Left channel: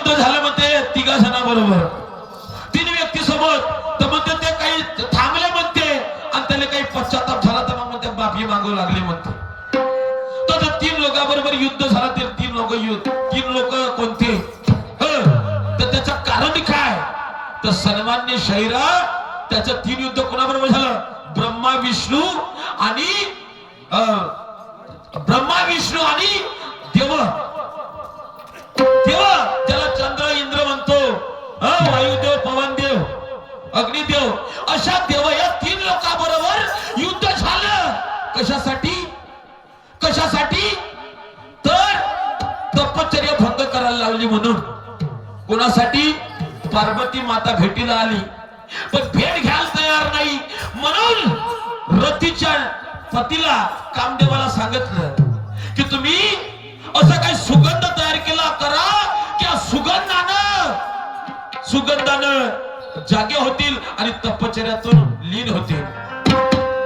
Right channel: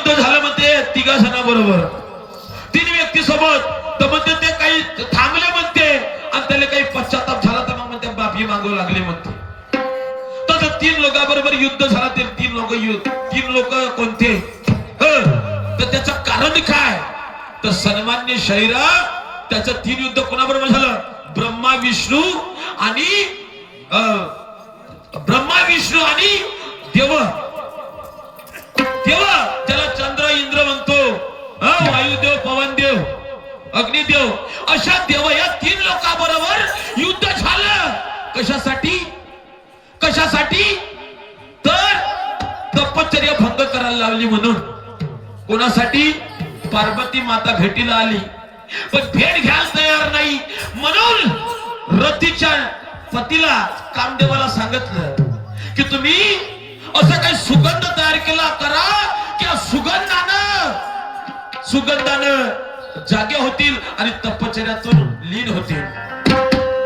युद्ध झालं म्हणते 3 जणांबरोबर, 3 व्यक्ती सोबत. तर म्हणते ते काही थांबले म्हणते आणि त्याला काही पश्चाताप झाला तर मग म्हणते माफी मागू लागले म्हणते. तर 3 लोकांबरोबर युद्ध झालं. ते 3 लोक कोणते, तर त्याचं कारण काय, तर सन्मान्य शाहिरा त्याचं 3 युद्ध कोणाबरोबर झालं, ब्रह्मा विष्णू आणि देव. ज्याला चंद्र इंद्र म्हणतो, वायुदेव, पवनदेव, अग्निदेव, अशा देव या 3 लोकांबरोबर युद्ध झालं. कशासाठी तर तपश्चर्या भंग करायला लावली म्हणून. कोणासाठी, पार्वती माता भेटीला आली पण भेट घ्यायला तयार नाही म्हणून रतीच्या पतीला कामदेवाला सांगितलं की तुम्ही असं काही सुगंध तयार केला करा की सुगंधानं जागे होतील आणि तपश्चर्यातून लीन होतील,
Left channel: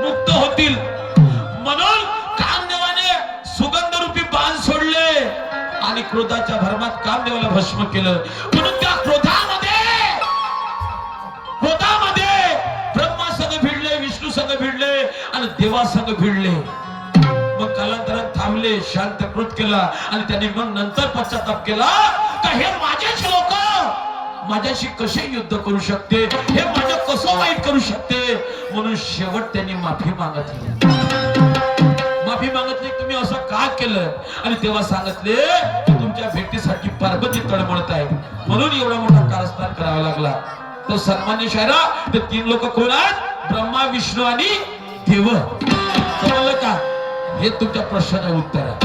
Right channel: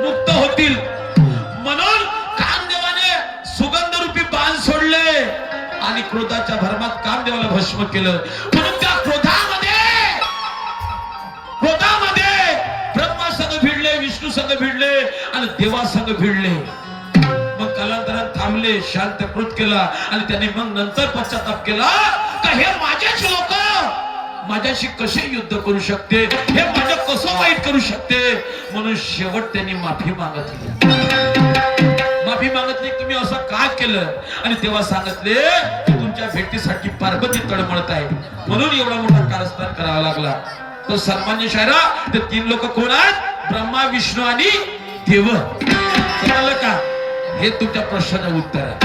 मुक्त होतील. म्हणून कामदेवाने सुगंध रूपी बाण सोडले आणि क्रोधाच्या भरमात कामदेवाला भस्म केलं. म्हणून त्या क्रोधामध्ये ब्रह्मा संग भिडले, विष्णू संग भिडले आणि देवा संग भिडले. मग कालांतरात थांबले, शांतकृत केला आणि त्यांनी मग नंतर पश्चाताप केला का हे माझेच लोक माझ्याशी कसे युद्ध करू शकते, हे माझं कसं वाईट करू शकते. म्हणून शेवट त्यांनी माफी मागितली तुम्ही असं का केलं. आणि तेव्हा सांगितले तुमच्या भेटीसाठी पार्वती तळमळत आहे म्हणून एवढा मोठा कारस्थान करावा लागला. तर सन्मान्य शाहिरा ते 3 लोक कोण आहेत, ब्रह्मा विष्णू आणि देव. समजलं का, हे तुमच्या प्रश्नाचं उत्तर आहे.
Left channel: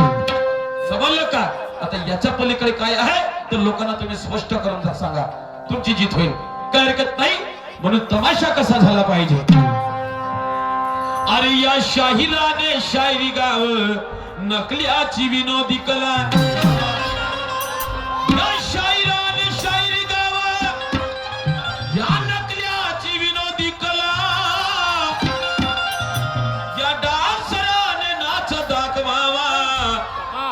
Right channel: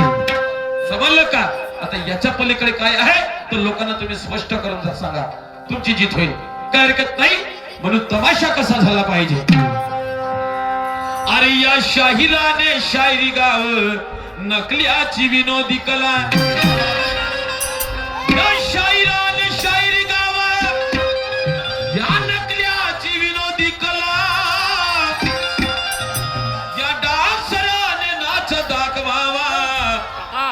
समजलं का. आता याच्या पलीकडे काय आहे तर लोकांना तुम्ही स्पष्ट करून सांगा, तुमची जीत होईल, काय हरकत नाही. म्हणून तमाशा कसा झाला पाहिजे. अरे या शाहिराने शायरी गाव नकल्याची विनोदी कला. या शाहिराने शायरी गाव या नकल्याची विनोदी कला. या डान्सराने नाच दाखवावा,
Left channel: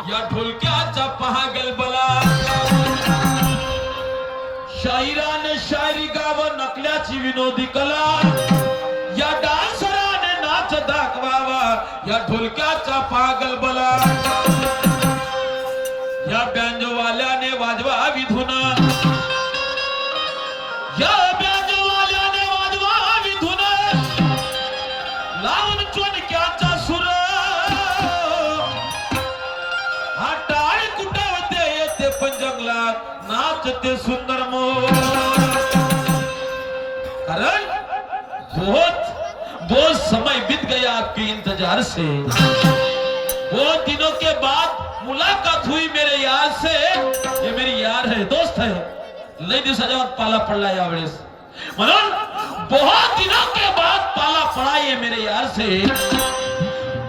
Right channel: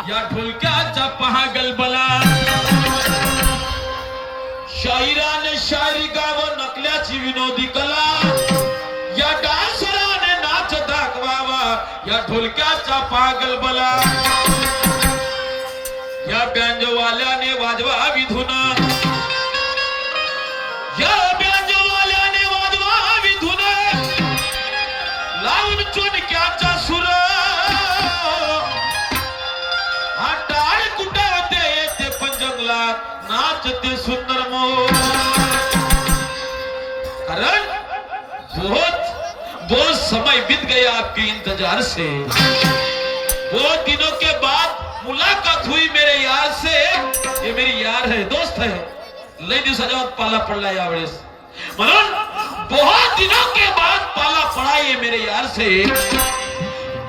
या ढोलक्याचा पहा गलबला. शाहिराने शायरी गाव नकल्याची विनोदी कला. या डान्सराने नाच दाखवावा, या ढोलक्याचा पागल बला. या बँजवाल्याने वाजवावी धुना, या बँजवाल्याने वाजवावी धुना. लावून चोनक्याचा सुर, हा टाळ कुटावते येते पंजंगलात नाचते सुंदर मोर. कारण बहुत समय बीत गया आपके इंतजार से, बहुत दिनों के बाद मुलाकात हुई मेरे यार से. ये मेरी यार है, दोस्त है, लई दिवसाच्या बाद पाला पडला यावेळेस. म्हणून बहुत दिनों के बाद पाला पड़ा ये मेरे यार से,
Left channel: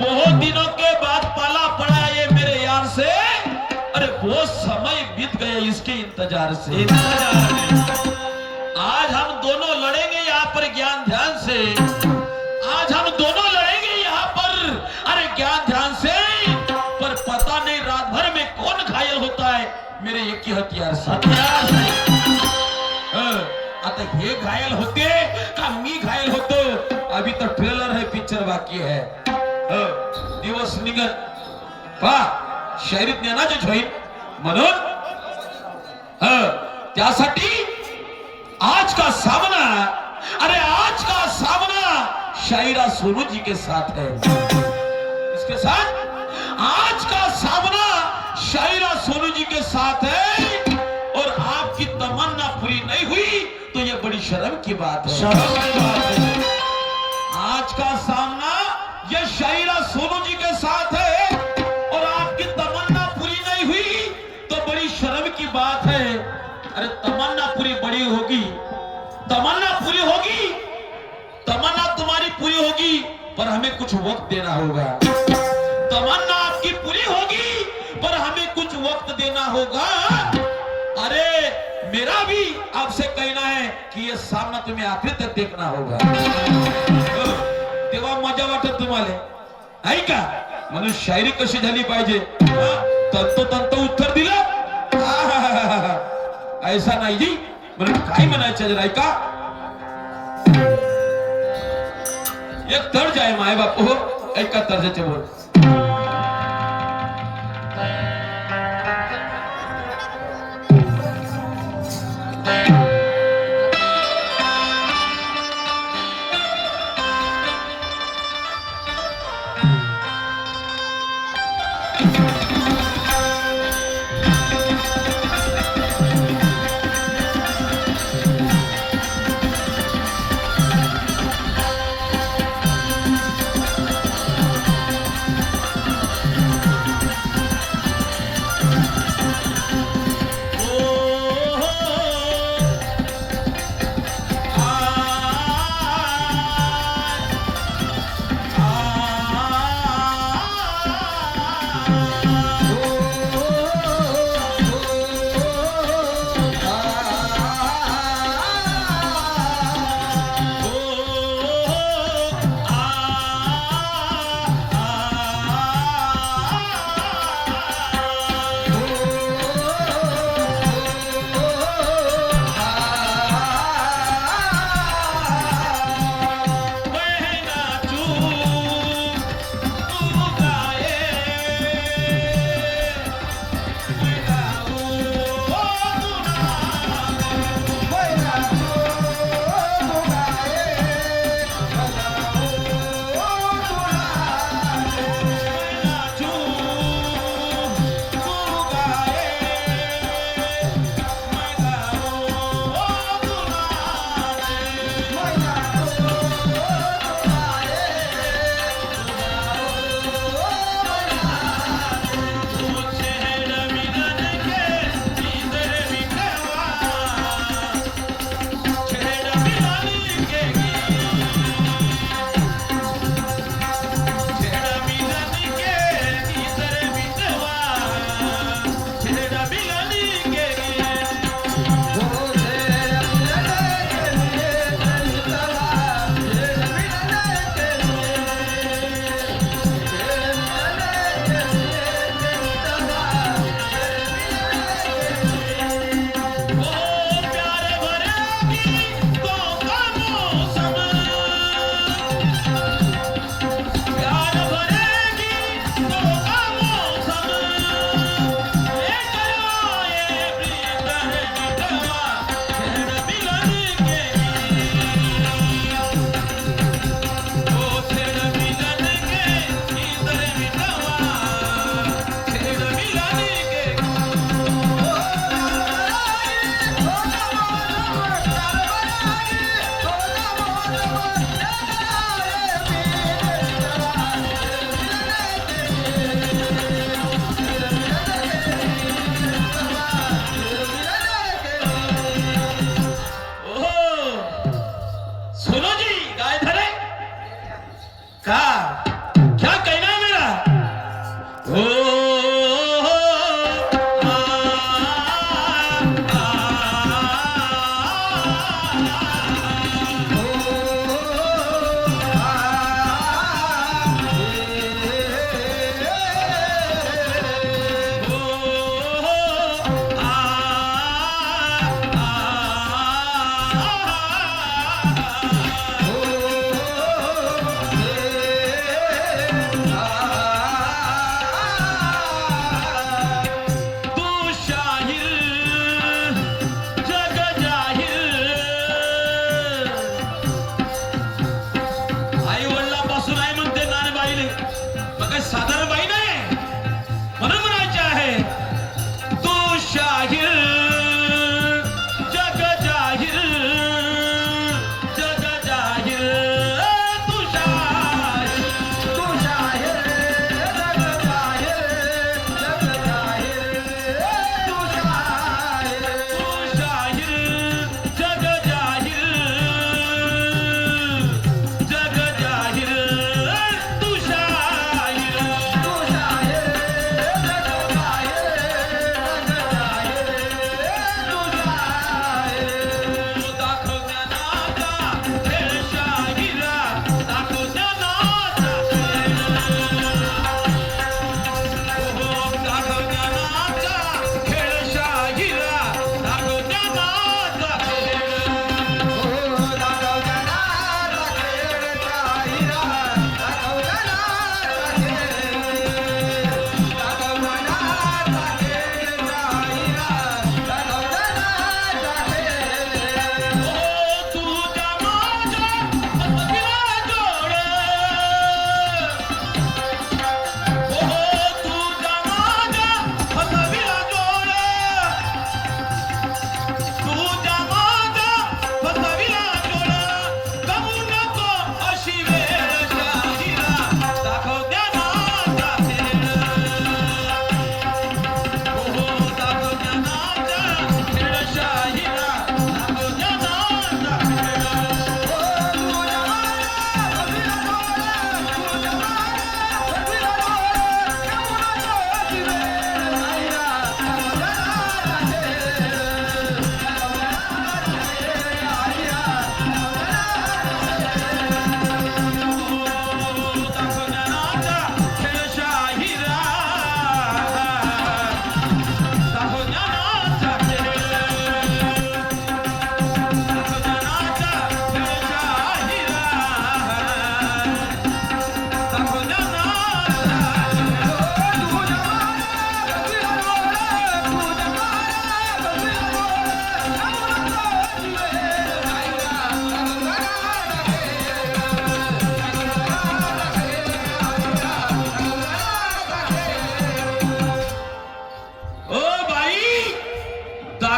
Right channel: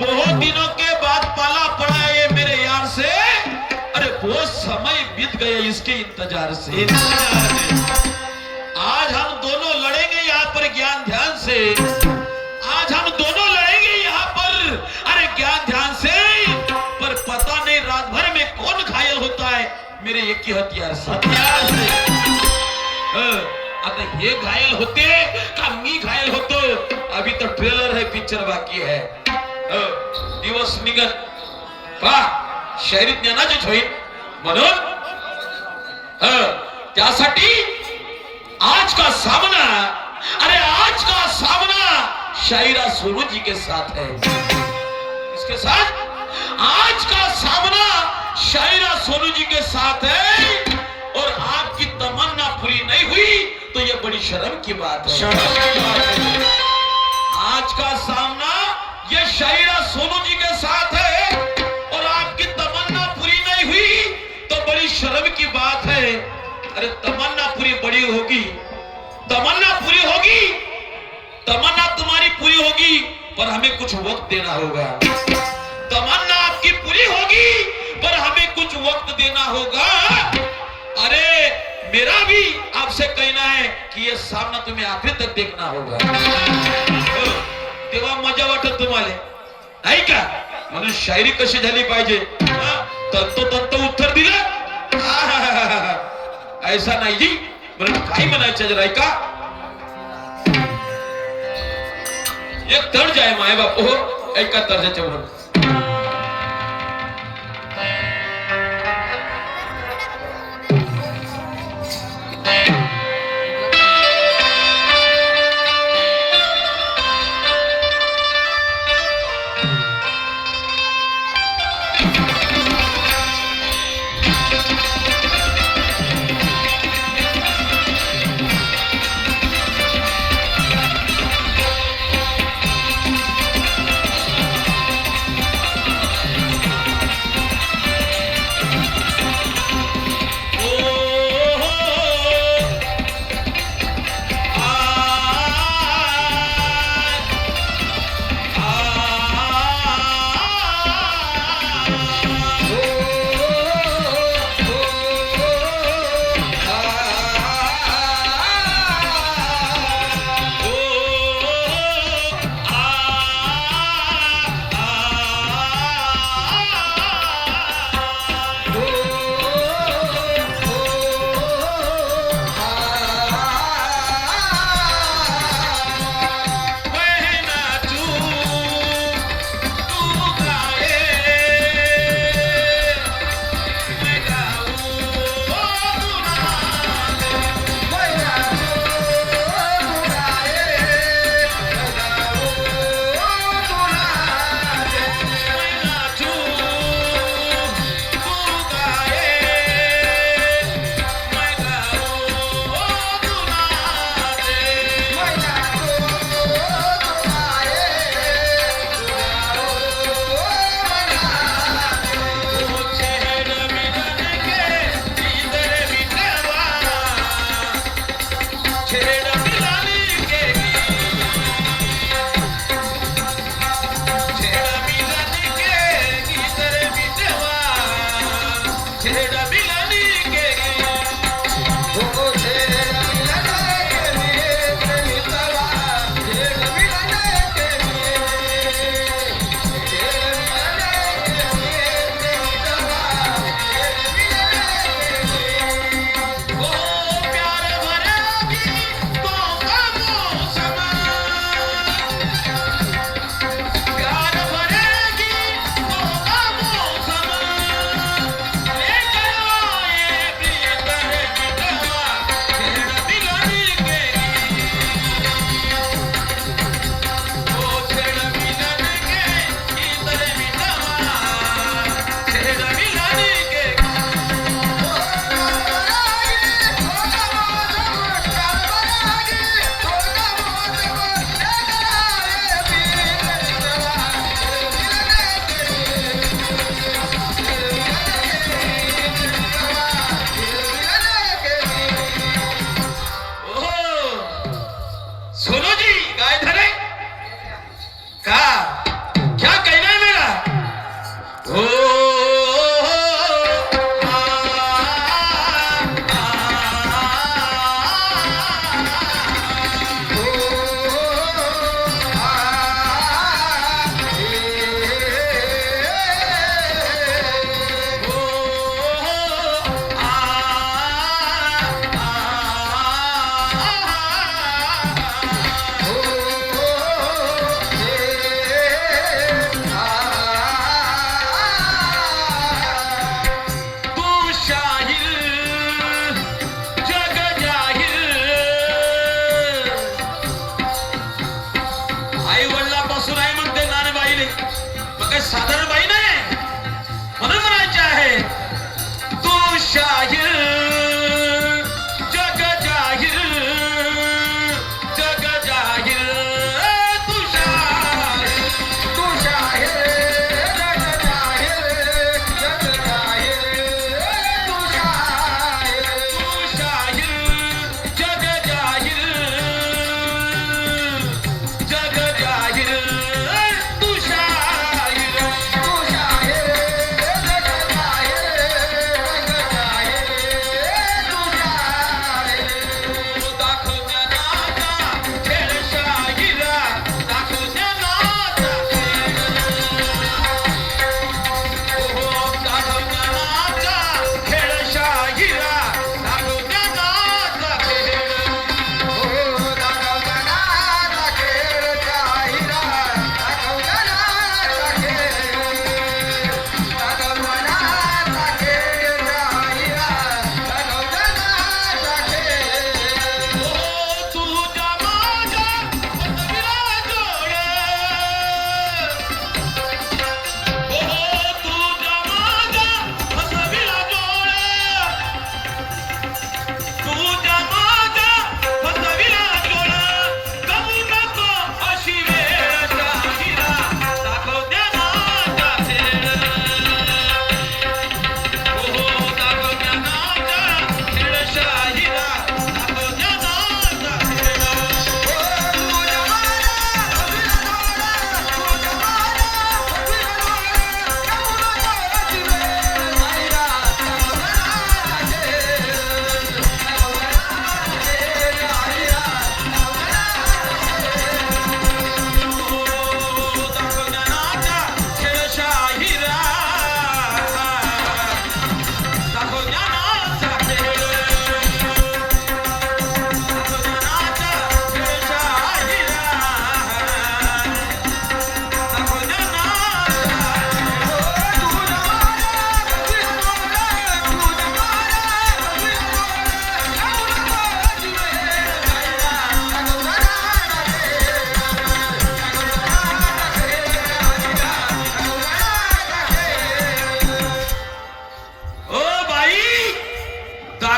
बहुत दिनों के बाद पाला पड़ा ये मेरे यार से. अरे बहुत समय बीत गया इसके इंतजार से. आज हम दोनों लड़ेंगे यहाँ पर ज्ञान ध्यान से. आज हम दोनों लड़ेंगे यहाँ पर, अरे ज्ञान ध्यान से. पर पता नहीं रात भर में कौन घायल होता है मेरे एक ही हथियार से. आता हे घायल होते का मी घायल होतो. अभी तो ट्रेलर है, पिक्चर बाकी है. दिवस निघत पहा शायरी ज्ञानाचेच होईल. म्हणून त्यासाठी आज का सामना, अरे आज का सामना शायरा सोनू जी के साथ है. इसके साथ आज का सामना शायरा सोनू जी के साथ है. और आपकी तमन्ना पूरी नहीं हुई तो ये बड़ी शर्म की बात है. आज का सामना ये शायरा सोनू जी के साथ है और आपकी तमन्ना पूरी नहीं हुई तो बड़ी शर्म की बात है. अरे तमन्ना पूरी बड़ी होगी, तमन्ना पूरी होगी, तमन्ना तुम्हारी पूरी होगी पर हमें कुछ वक्त देना होगा. तमन्ना आपकी पूरी होगी पर हमें कुछ वक्त देना होगा. अरे मेरा भी आपसे कहना है कि ये सामना तुम्हें आखिर तक देखना होगा. तेव्हा मजा वाटत तुम्हाला, आहे का. म्हणून शायरी कशी झाली पाहिजे, तंतोतंत उत्तर दिलं. ऐसा नाही जी म्हणून काय म्हणायचं जरा ऐका एक तर्ज आहे माय बाप हो ऐका तर्जाच्या वर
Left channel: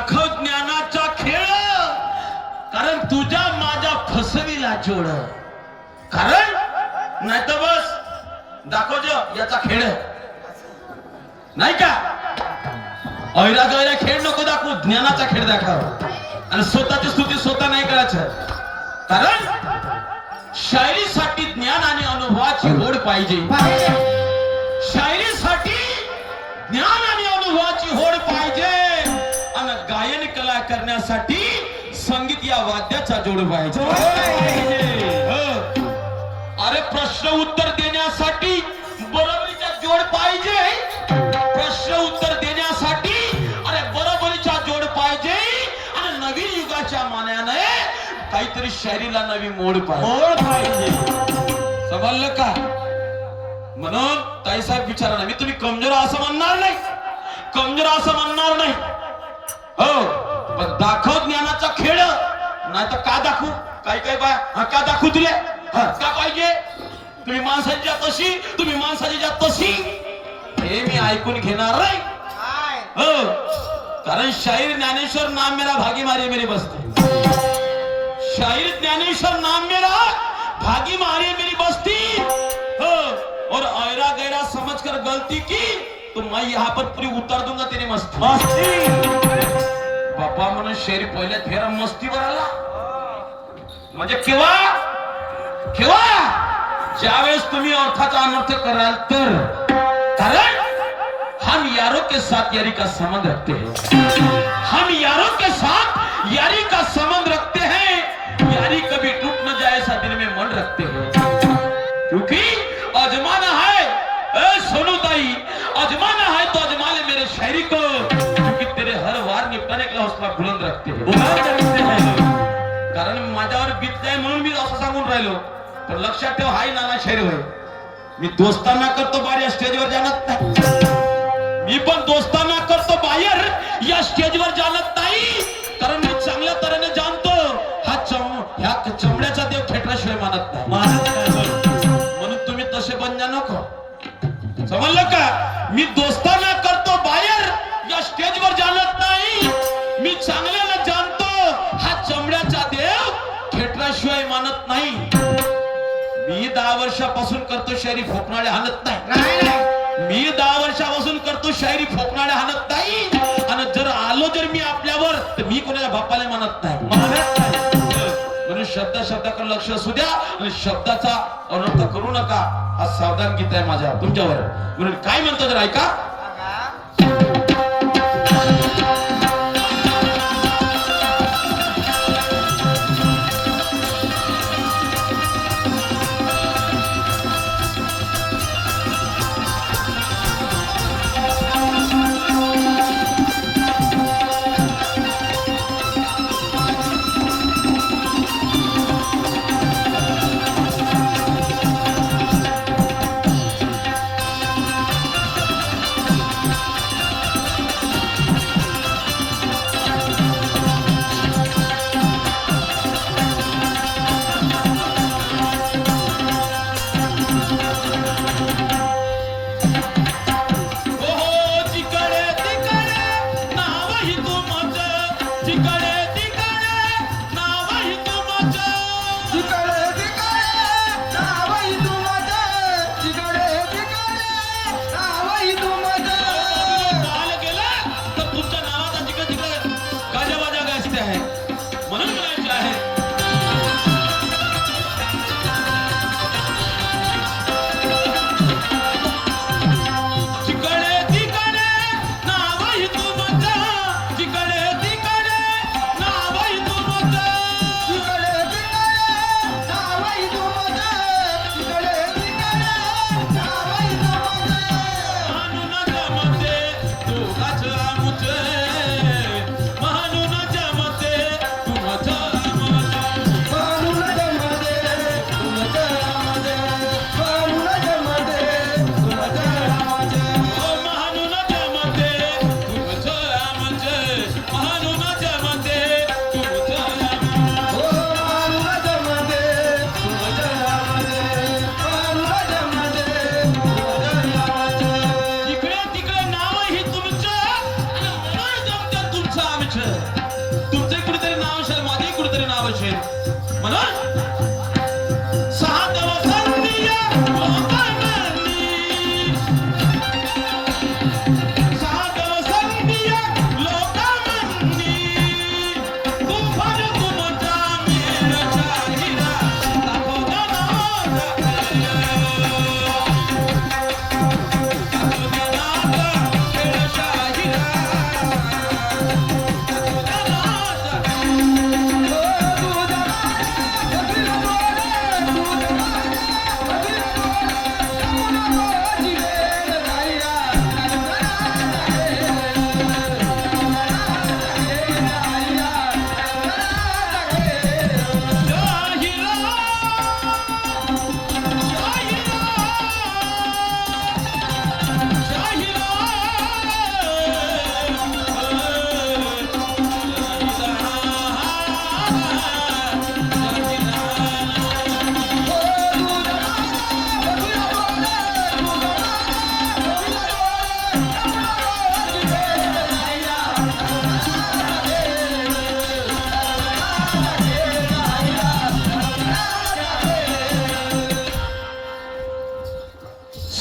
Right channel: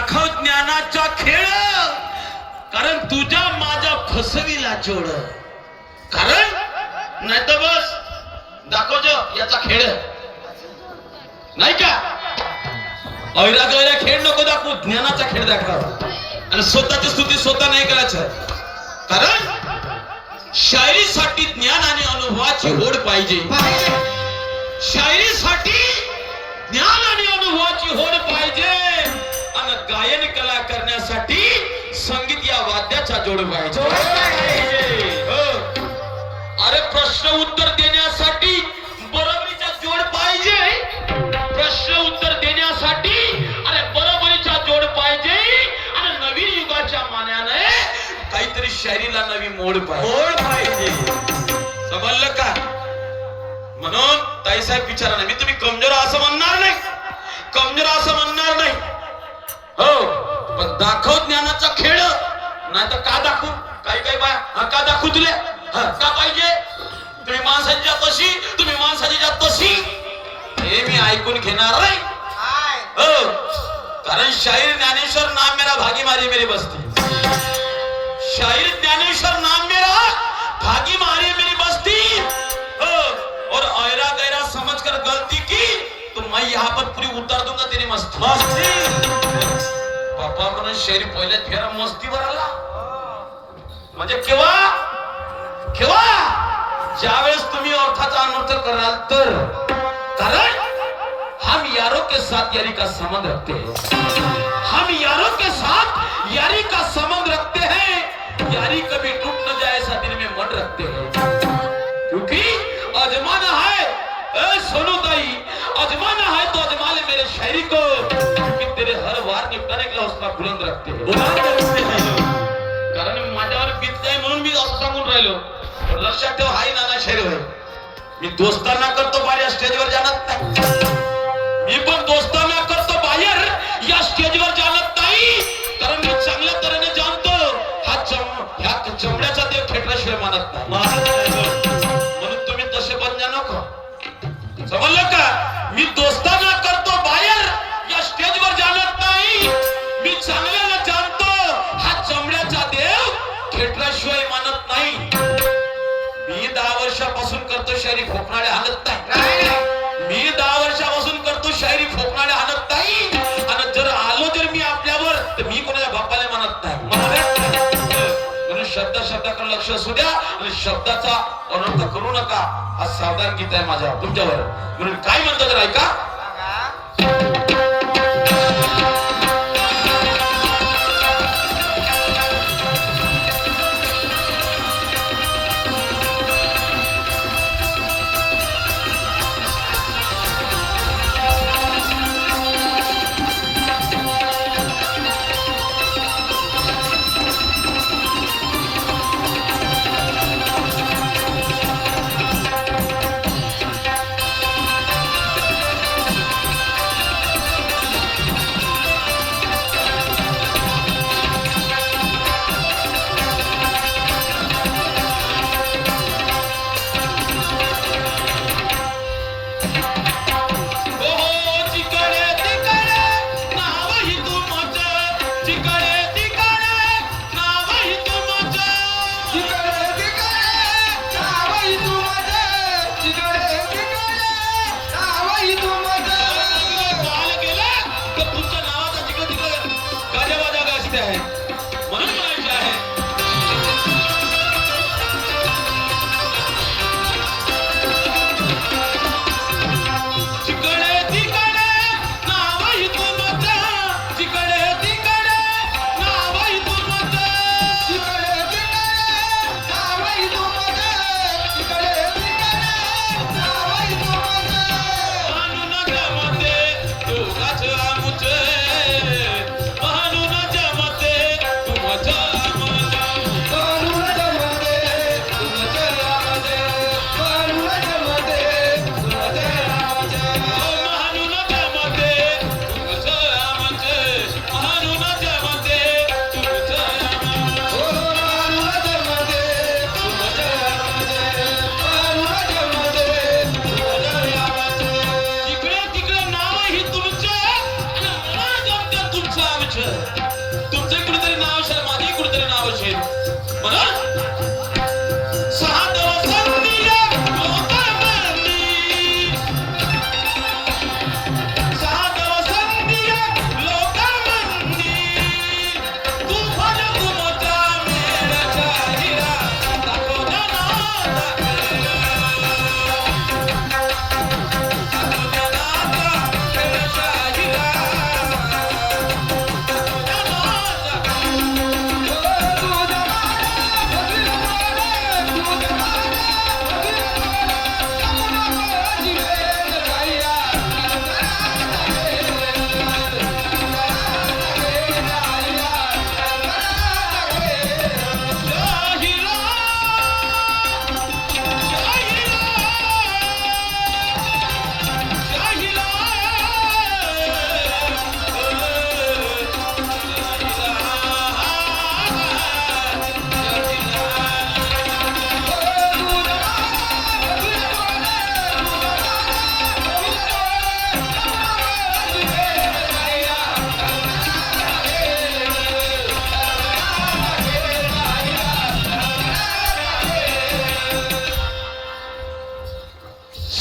दाखव ज्ञानाचा खेळ, कारण तुझ्या माझ्या फसवीला जोड. कारण नाही तर बस दाखव याचा खेळ नाही का. ऐरा गैरा खेळ नको दाखवू, ज्ञानाचा खेळ दाखव. आणि स्वतःची स्तुती स्वतः नाही करायचं, कारण शायरीसाठी ज्ञान आणि अनुभवाची ओढ पाहिजे. शायरीसाठी ज्ञान आणि अनुभवाची होड पाहिजे, आणि गायन कला करण्यासाठी संगीत या वाद्याचा जोड पाहिजे. अरे प्रश्न उत्तर देण्यासाठी बरोबरीचा जोड पाहिजे. प्रश्न उत्तर देण्यासाठी अरे बरोबरीचा जोड पाहिजे. आणि नवीन युगाच्या मानाने काहीतरी शायरीला नवी मोड पाहिजे. समजलं का. म्हणून ताईसाहेब विचारा, मी तुम्ही कमजोर असं म्हणणार नाही, कमजोर असं म्हणणार नाही. हो, पण दाखव ज्ञानाचा खेळ. नाही तर का दाखवू. काही काही बाय का दाखवू तुले का पाहिजे. तुम्ही माणसाच्या तशी, तुम्ही माणसाच्या तशी, हे मी ऐकून घेणार नाही. हो, कारण शाहीर ज्ञानेश्वर नाम मेरा भागी मारे मेरे बस्ती. शाहीर ज्ञानेश्वर नाम मेरा भागी मारे मेरी बस्ती. हो, और ऐरा गैरा समझकर गलती की तो मैं यहाँ पर पूरी उतार दूंगा तेरी मस्ती. बापा म्हणून शाहीर पहिल्या फेरा मस्तीवर आला. म्हणजे केव्हा केव्हा ज्यावेळेस तुम्ही अर्थाचा अनर्थ कराल तर. कारण हम यारों के साथ यारी का संबंध रखते हैं. हम यारों के साथ यारी का संबंध रखते हैं. यारी कभी टूट न जाए ऐसा दिल में मन रखते हैं. क्योंकि अजमाना है, सुनो ताई, अजमाना है तो अजमा ले मेरे शायरी को. क्योंकि तेरे हर वार निपटाने के लिए हौसला बुलंद रखते हैं. कारण माझ्यावर बीतलंय म्हणून मी असं सांगून राहिलो. पण लक्षात ठेव, हाय नाना शायरी होय. मी दोस्तांना करतो बाहेर स्टेजवर जाणत नाही. मी पण दोस्तांना करतो बाहेर या स्टेजवर जाणत नाही. कारण मी चांगल्या तऱ्हेने जाणतो ह्या चमड्याचा देव खेटल्याशिवाय मानत नाही. म्हणून तुम्ही तसे बनण्या नको. समजलं का. मी दोस्तांना करतो बाहेर या स्टेजवर जाणत नाही. मी चांगल्याला जाणतो हा चमड्याचा देव खेटल्याशिवाय मानत नाही. मी 10 वर्षापासून करतो शायरी, फोकणाळे हाणत नाही. मी 10 वर्षापासून करतो शायरी, फोकणाळे हाणत नाही. आणि जर आलो जर मी आपल्यावर तर मी कोणाला बापाला मानत नाही. म्हणून शब्दाकडे लक्ष असू द्या आणि शब्दाचा अनर्थ करू नका. हा सावधान गीत आहे माझ्या तुमच्यावर. म्हणून काय म्हणतो जर ऐका. नावच तुमचे कुठेतरी नाव असेल माझे कुठेतरी नाव असेल म्हणून साधव संधिया लोकांनी साधव संधिया लोकांनी तुफान तुमचा मेरा चाहिरा नको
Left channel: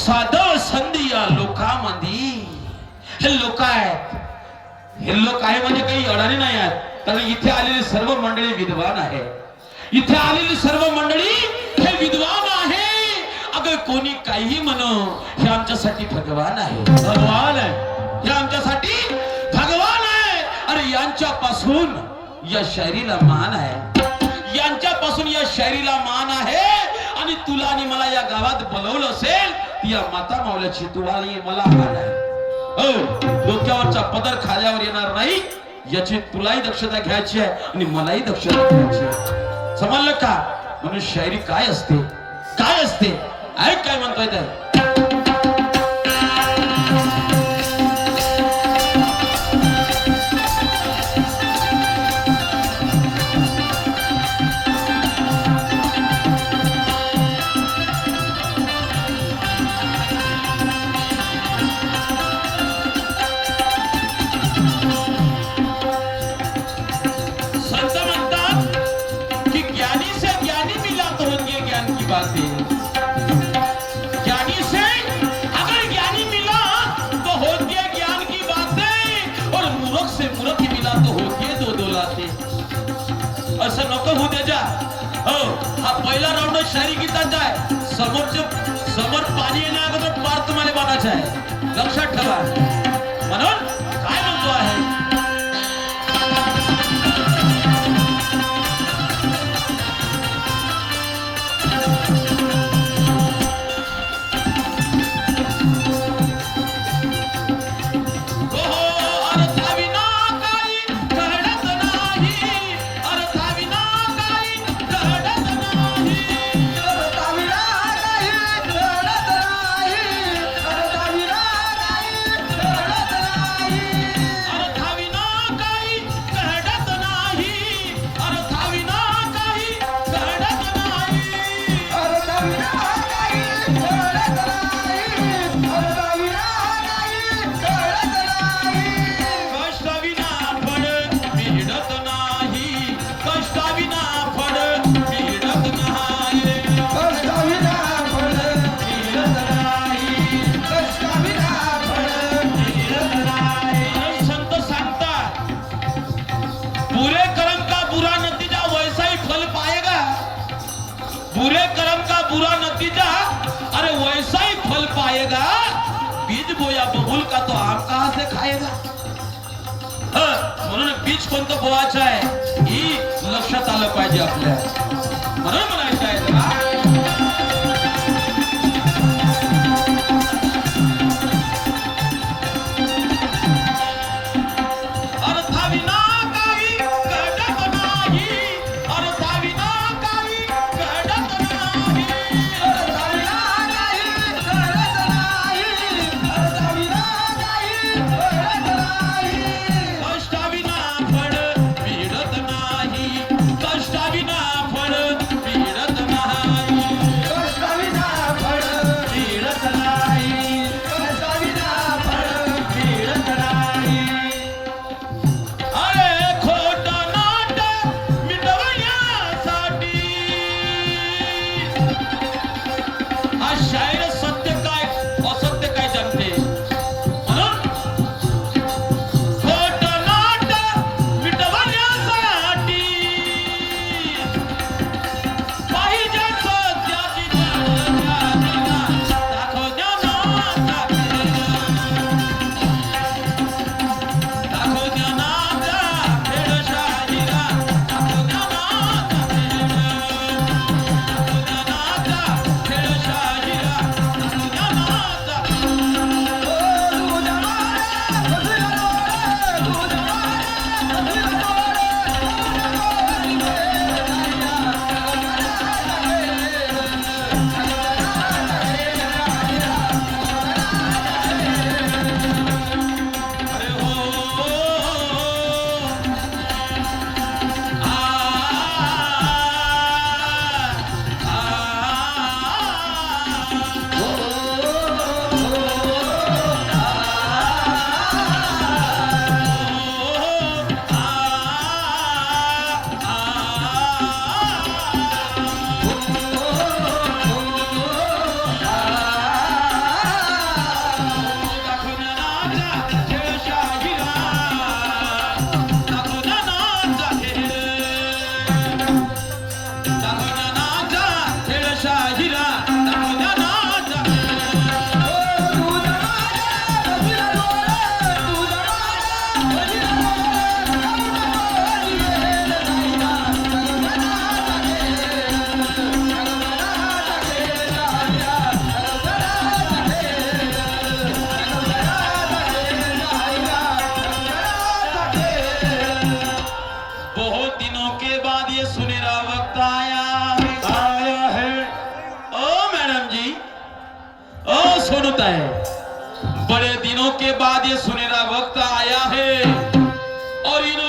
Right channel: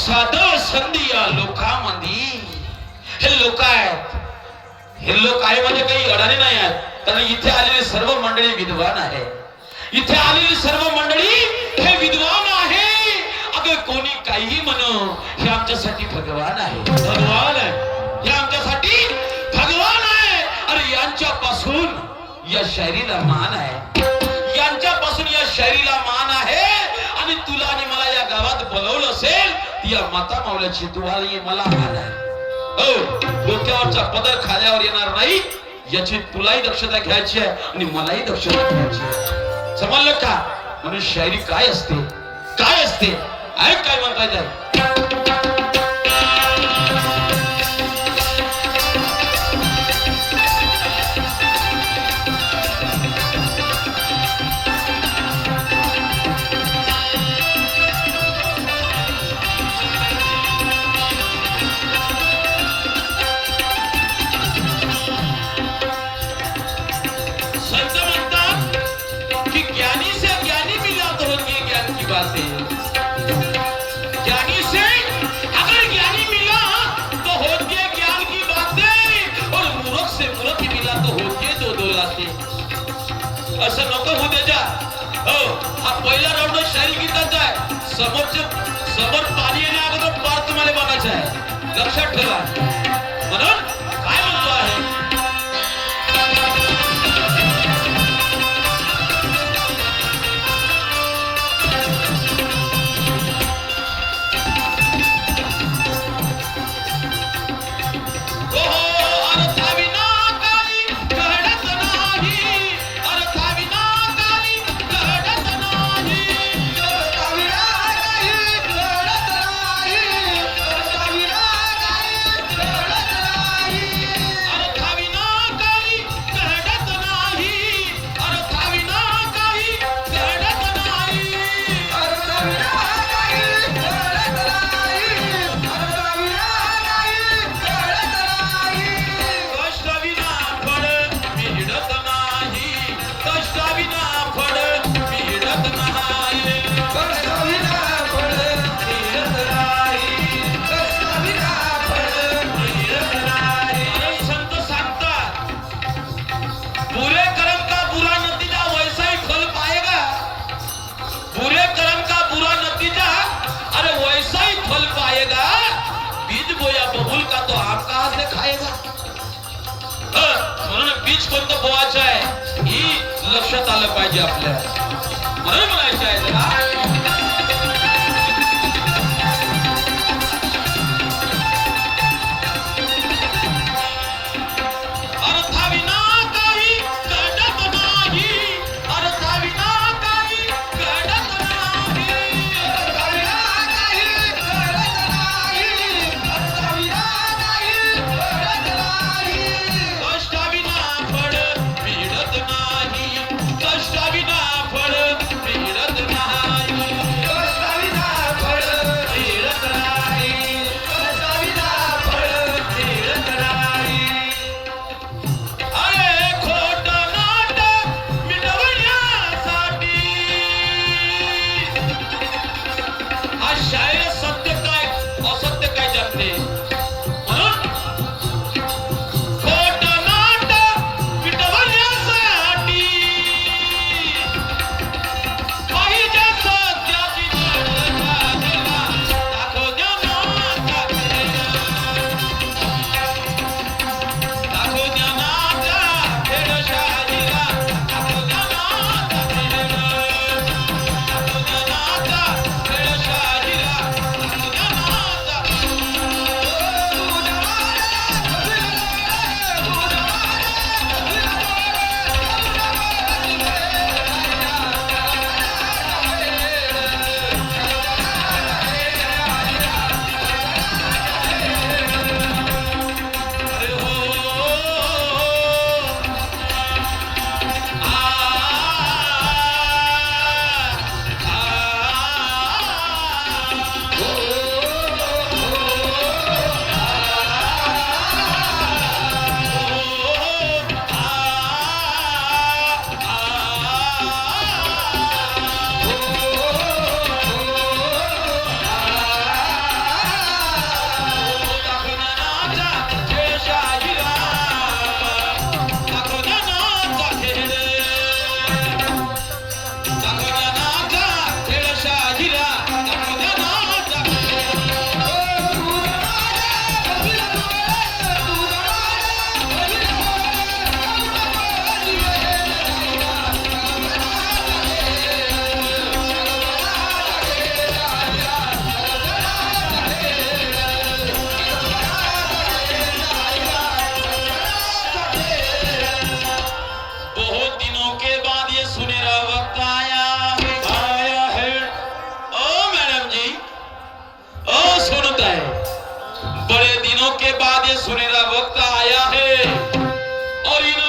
साधव संधी या लोकांमध्ये हे लोक आहेत हे लोक आहे म्हणजे काही अडाणी नाही आहेत कारण इथे आलेली सर्व मंडळी विद्वान आहे इथे आलेली सर्व मंडळी हे विद्वान आहे अगं कोणी काही म्हणो हे आमच्यासाठी भगवान आहे भगवान आहे हे आमच्यासाठी भगवान आहे अरे यांच्यापासून या शायरीला मान आहे यांच्यापासून या शायरीला मान आहे आणि तुला आणि मला या गावात बोलवलं असेल या माता मावल्याची तुला मला मान आहे हो डोक्यावरचा पदर खाल्यावर येणार नाही याची तुलाही दक्षता घ्यायची आहे आणि मलाही दक्षता घ्यायची आहे समजलं का म्हणून शायरी काय असते ऐक काय म्हणतोय ते ज्ञानी से अगर ज्ञानी मिला तो होती है ज्ञान की बातें और मूर्ख से मूर्ख मिला तो होती है दो लातें असं नको होऊ दे जा हो हा पहिला राऊंड शायरी गीताचा आहे समोर पाणी येण्या अगोदर पार तुम्हाला बघायचं आहे लक्षात ठेवा म्हणून काय म्हणतो आहे बीज बोया बबूल का तो आप कहां से खाएगा म्हणून बीज कोणतं बोवायचं आहे ही लक्षात आलं पाहिजे आपल्या म्हणून म्हणायचं आहे कष्टाविना फळ मिळत नाही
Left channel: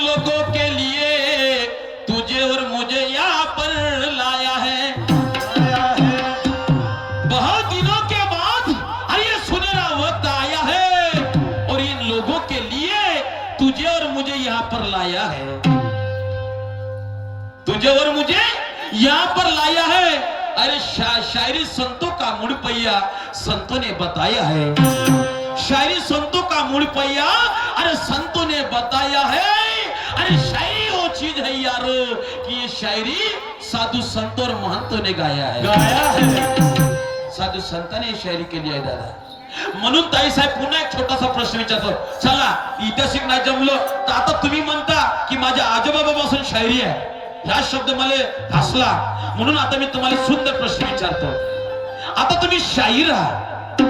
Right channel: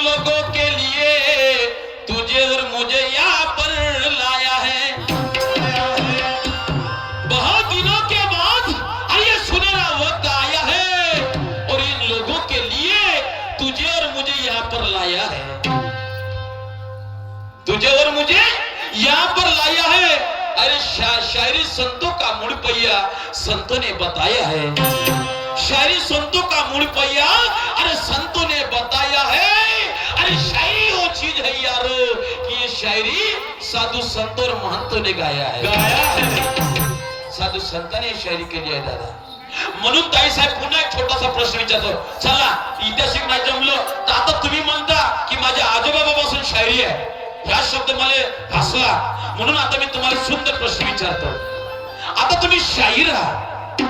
लोगों के लिए तुझे और मुझे यहाँ पर लाया है। बहुत दिनों के बाद ये सुनहरा वक्त आया है और इन लोगों के लिए तुझे और मुझे यहाँ पर लाया है। तुझे और मुझे यहाँ पर लाया है। अरे शायरी संतों का मुड़ पहिया संतों ने बताया है। शायरी संतों का मुड़ पहिया अरे संतों ने बताया है। अरे शायरी वो चीज है यारो कि ये शायरी साधु संतों और महंतों ने गाया है। साधु संतांनी शायरी केली आहे दादा. म्हणून ताई साहेब पुन्हा एक छोटासा प्रश्न विचारतो. चला ऐतिहासिक नाही जमलो तर आता तुम्ही म्हणता की माझ्या आजोबाबापासून शायरी आहे. हा शब्द मला हसला म्हणून आता मी तुम्हाला सुंदर प्रश्न विचारतो. आता तुम्ही शाहीर आहात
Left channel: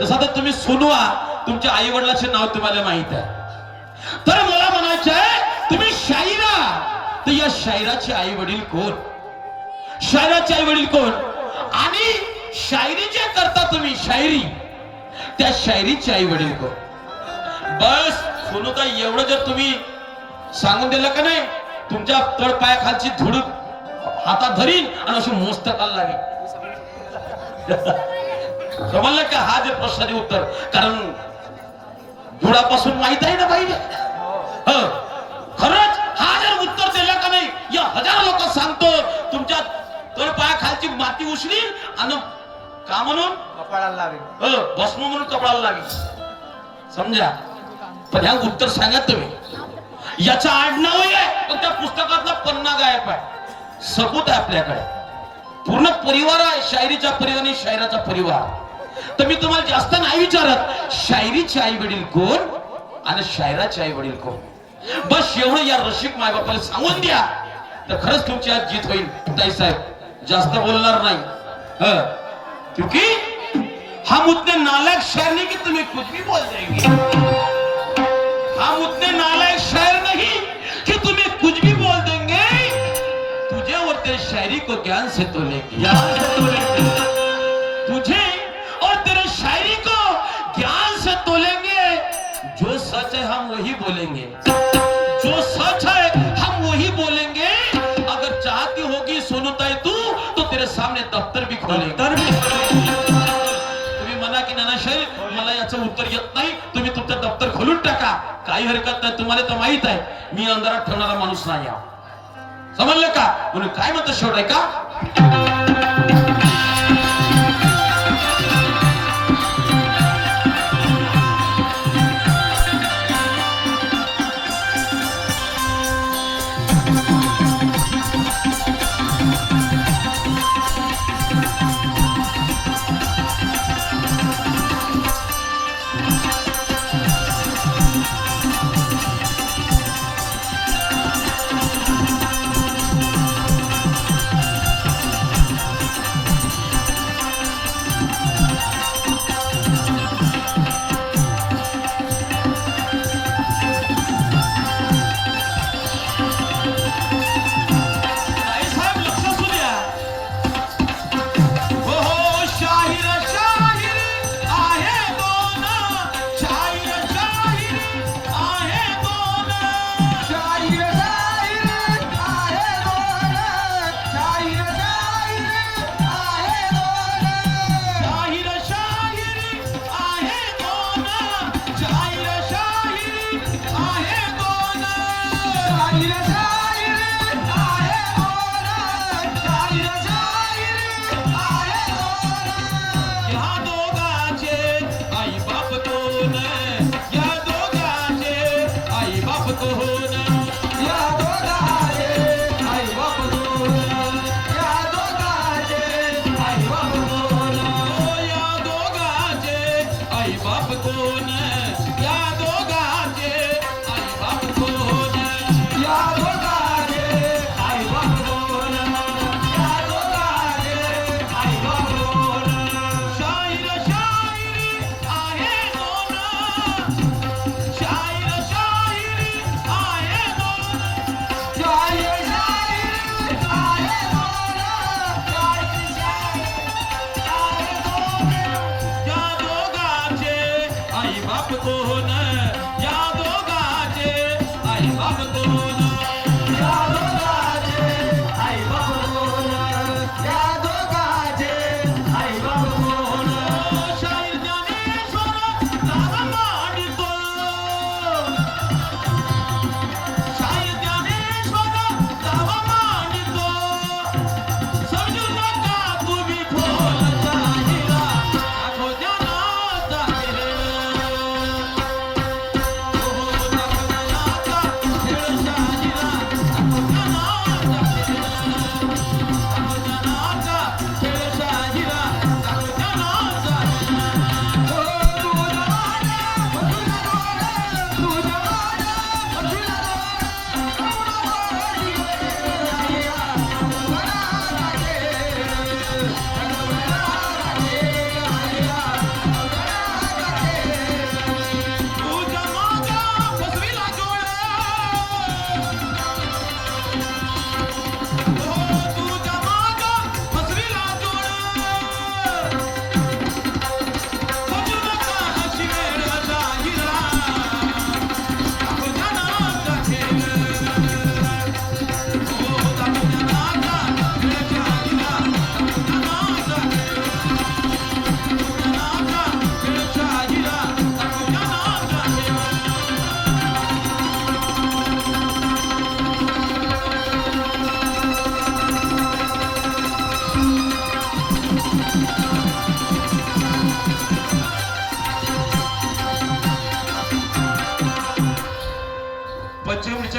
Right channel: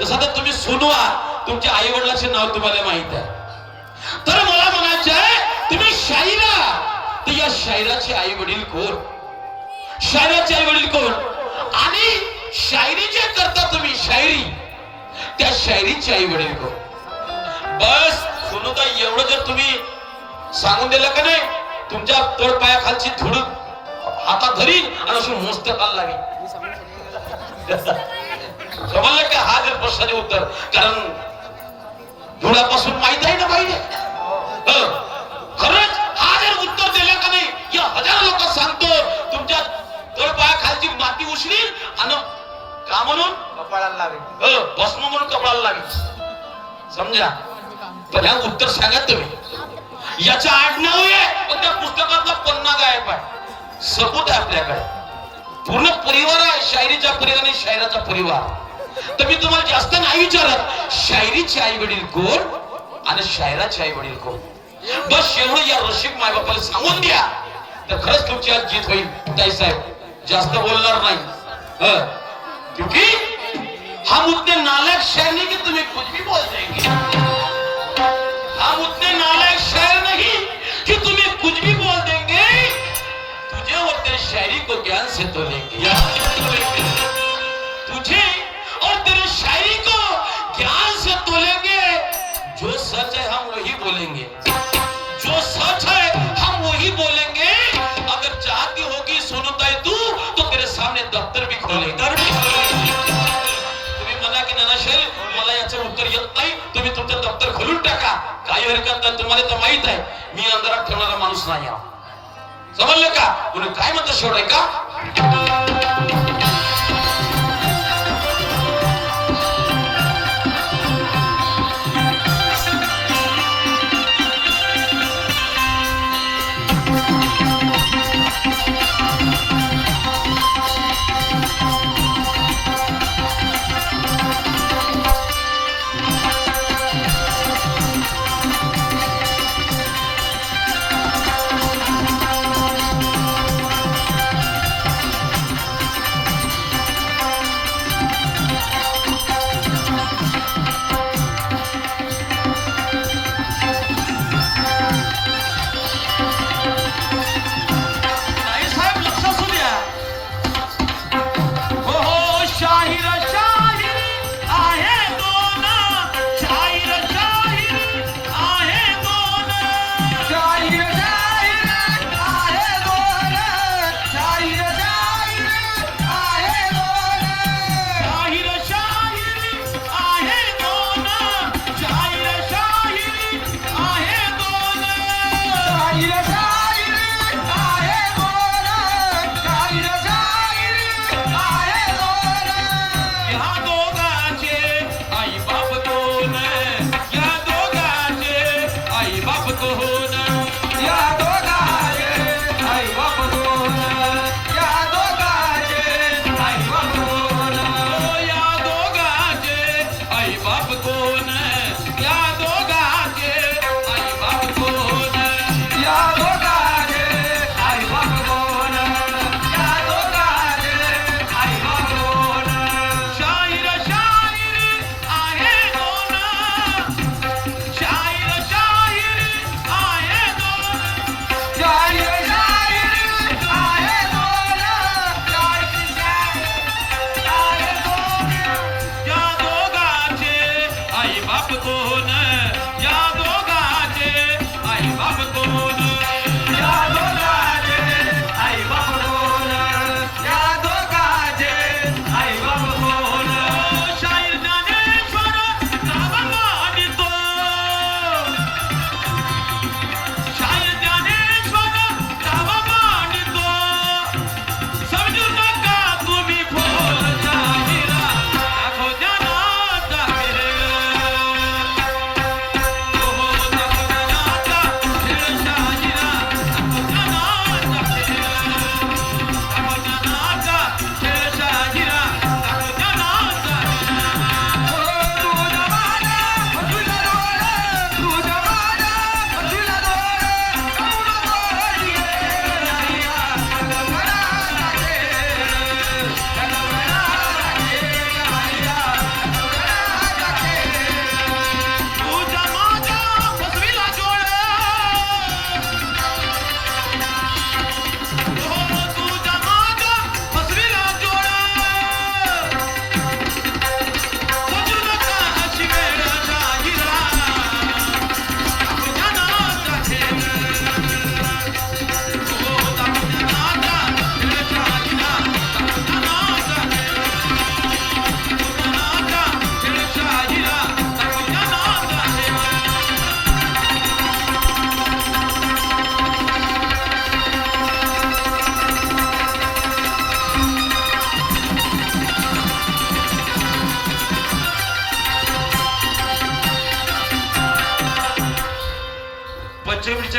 जसं आता तुम्ही सोनू आहात. तुमच्या आई वडिलांचे नाव तुम्हाला माहित आहे. तर मला म्हणायचं आहे तुम्ही शाहीर आहात तर या शायराचे आई वडील कोण? शायराचे आई वडील कोण? आणि शायरी जे करता तुम्ही शायरी त्या शायरीचे आई वडील कोण? बस सोनूता एवढं जर तुम्ही सांगून दिलं का नाही तुमच्या तळपायाखालची धूळ हातात धरीन आणि अशी मस्त काल लागेल. समजलं का? हा जर प्रश्नाचे उत्तर कारण धुळापासून माहित आहे ना पाहिजे. खरंच हा जर उत्तर दिलं का नाही या हजार लोक सांगतो तुमच्या तळपायाखालची माती उचलील आणि का म्हणून कपाळाला लागेल. भस्म म्हणून कपाळाला लागेल. समजा पण ह्या उत्तर सांगा तुम्ही. याचा आडनाव आहे पण त्या पुस्तकातला पन्ना गायब आहे. सबूत आहे आपल्याकडे. पूर्ण परिवार आहे शायरीचा परिवार आणि शायराचा परिवार. तर मी तुम्हाला जास्त नाही विचारत शायरीचे आई वडील कोण आणि शायराचे आई वडील कोण. बस एवढं या रसिक माय बापाला सांगून द्या तर खरंच तुमची आज जीत होईल. ताई साहेब जास्त बोलणार नाही क्योंकि हम उतने नालायक शायर नहीं कि तुम्हें कुछ भी बोल देंगे. हम उतने नालायक शायर नहीं कि तुम्हें कुछ भी बोल देंगे. तुझे और तेरी शायरी को ज्ञान से तोलेंगे. तुझे और तेरी शायरी को ज्ञान से तोलेंगे. जो सच है हम वही बोलेंगे. जो सच है हम वही बोलेंगे. अगर चाहती होगी सोनूताई तू तो तेरे सामने दफ्तर भी खोलेंगे. तुम्ही म्हणा की नाना शाहीर मला याचं उत्तर येत नाही तुम्ही तुमचं दफ्तर खोलून टाका. काही हरकत नाही. तुम्हाला तर माहित आहे मी अंधारात ठेवणारा माणूस नाही. समजलं का? म्हणून काय म्हणतं शेवट आहे का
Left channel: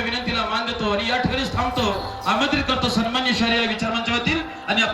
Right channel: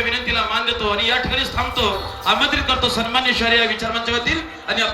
विनंतीला मान देतो आणि या ठिकाणीच थांबतो. आमंत्रित करतो सन्मान्य शहरी विचारमंचावरील आणि